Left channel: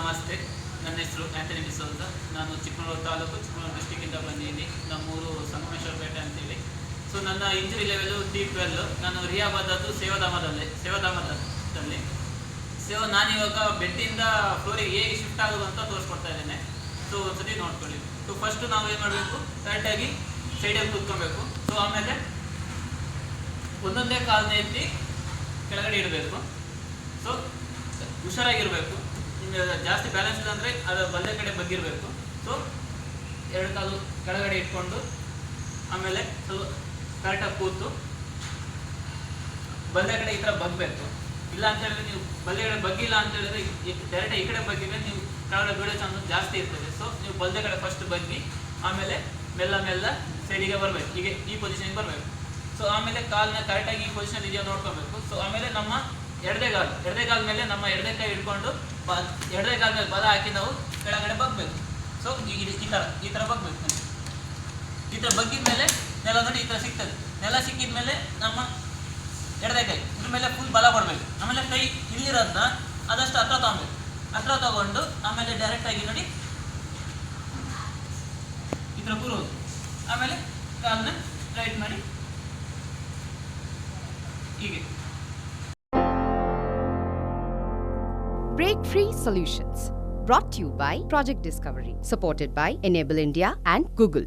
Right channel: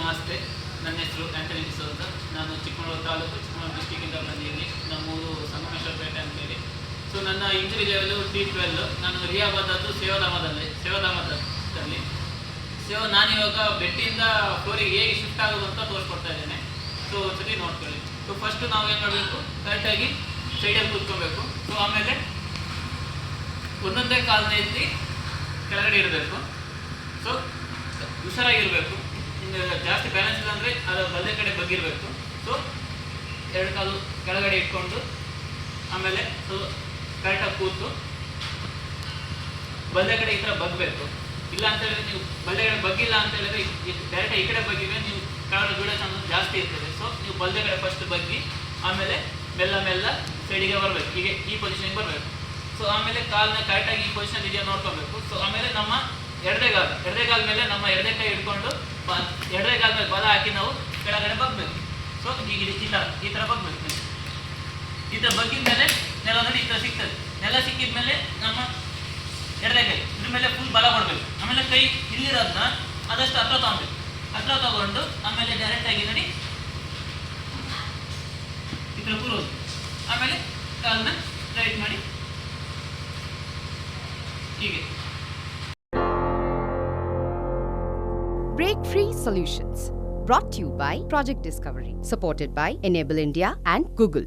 ನಮಸ್ತೆ. ನನ್ನ ಹೆಸರು ಆಂಟನಿ ಡಿಸೋಜ. ನಾನು ಚಿಕ್ಕಮಗಳೂರು ತಾಲೂಕು, ಚಿಕ್ಕಮಗಳೂರು ಡಿಸ್ಟಿಕ್ಕಿಂದ ಬಂದಿದ್ದೀನಿ. ನಮ್ಮೂರು ಸಂಗಮೇಶ್ವರಪೇಟೆ ಅಂತೇಳಿ. ಸೊ ನನ್ನ ಇಂಜುರಿ ಲೆವೆಲು T12. ನಾನು ರಿಯಾಬ್ ಆದದ್ದು ಸೇವಾಧಾಮದಲ್ಲಿ. ನಾನಿವಾಗ ಬೆಡ್ಡಿಂದ ಫ್ಲೋರಿಗೆ ಹೇಗೆ ಶಿಫ್ಟ್ ಆಗೋದು ಅಂತ ತೋರಿಸ್ಕೊಡ್ತಾ ಇದ್ದೇನೆ. ಸೊ ಒಂದ್ಸತಿ ನೋಡ್ಕೊಳ್ಳಿ. ಸೊ ಫಸ್ಟು ನಾವು ಏನು ಮಾಡಬೇಕು, ಕರೆಕ್ಟಾಗಿ ಸೈಡಲ್ಲಿ ಕೂತ್ಕೊಬೇಕು. ಸೊ ಆಮೇಲೆ ಒಂದೊಂದೇ ಕಾಲನ್ನ ಎತ್ತಿ ಕೆಳಗಡೆ ಇರಬೇಕು. ಸೊ ಹುಷಾರಾಗಿರಬೇಕು. ಜಾಸ್ತಿ ಬ್ಯಾಲೆನ್ಸ್ ಇಲ್ಲ ಅಂದರೆ ಅದು ಬಲ್ಲೆ ಕಡೆ ಬಗ್ಗಿರಬೇಕು. ಸೊ ಎರಡು ಕಾಲು ಕೆಳಗಡೆ ಇಟ್ಕೊಂಡು ಆಮೇಲೆ ಸ್ವಲ್ಪ ಕರೆಕ್ಟಾಗಿ ಕೂತು ಬಲ್ಲೆ ಕಡೆ ಈ ಥರ ಬಗ್ಗಬೇಕು. ಇಲ್ಲ ಅಂತ ಹೇಳಿದ್ರೆ ನೀವು ಬಲ್ಲೆ ಕಡೆ ಬಗ್ಗಿಲ್ಲ ಅಂತ ಹೇಳಿದ್ರೆ ಡೈರೆಕ್ಟ್ ಈ ಕಡೆ ಬಗ್ಗಿದ್ರೆ ನೀವು ಕೆಳಗಡೆ ಬೀಳೋ ಚಾನ್ಸಸ್ ಜಾಸ್ತಿ ಇರ್ತದೆ. ಸೊ ನೀವು ಬಲ್ಲೆ ಕಡೆ ಫಸ್ಟ್ ಬಗ್ಗಿ ಆಮೇಲೆ ಮೆಲ್ಲ ಸೈಡಿಗೆ ಬರಬೇಕು. ಹೀಗೆ ಈ ಪೊಸಿಷನ್ಗೆ ಬರಬೇಕು. ಸೊ ಆಮೇಲೆ ಕಾಲನ್ನ ಕರೆಕ್ಟಾಗಿ ಈ ಪೊಸಿಷನ್ ಇದೆಯಾ ನೋಡ್ಕೋಬೇಕು. ಸೊ ಆಮೇಲೆ ನಮ್ಮ ಎಡದೇ ಕಾಲ ಮೇಲೆ ನಮ್ಮ ಎಡದೇ ಕೈ ಹಿಡ್ಕೊಂಡು ಎಡದೇ ಕಾಲ ಮೇಲೆ ಬಲ ಹಾಕಿ ನಾವು ಕೆಳಗಡೆ ಬಗ್ಬೇಕು. ಸೊ ಈಗ ಈ ಥರ ಬಗ್ಬೇಕು. ಈ ಥರ ಬಗ್ಗಿದ ಮೇಲೆ ನೆಲ ನೋಡಿ ಈ ಥರ ಸಿಗ್ತದೆ. ನೆಲ ಸಿಕ್ಕಿದ ಮೇಲೆ ನಮ್ಮ ಎಡದೇ ಕೈ ಇದ್ರ ಮೇಲೆ ಫುಲ್ ಬಲ ಕೊಡಬೇಕು. ಆಮೇಲೆ ಕೈ ಇಲ್ಲಿರೋದನ್ನ ಆದಷ್ಟು ಹತ್ರ ತಗೊಬೇಕು. ಹತ್ರ ತಗೊಂಡು ಆಮೇಲೆ ಡೈರೆಕ್ಟಾಗಿ ನೋಡಿ ಈ ಥರ ಕೂರೋದು. ಆಮೇಲೆ ಕಾಲನ್ನ ರೈಟ್ ಮಾಡಿ ಹೀಗೆ. Break Free Solutions, brought to you by Project Discovery, supported by Enable India and Google.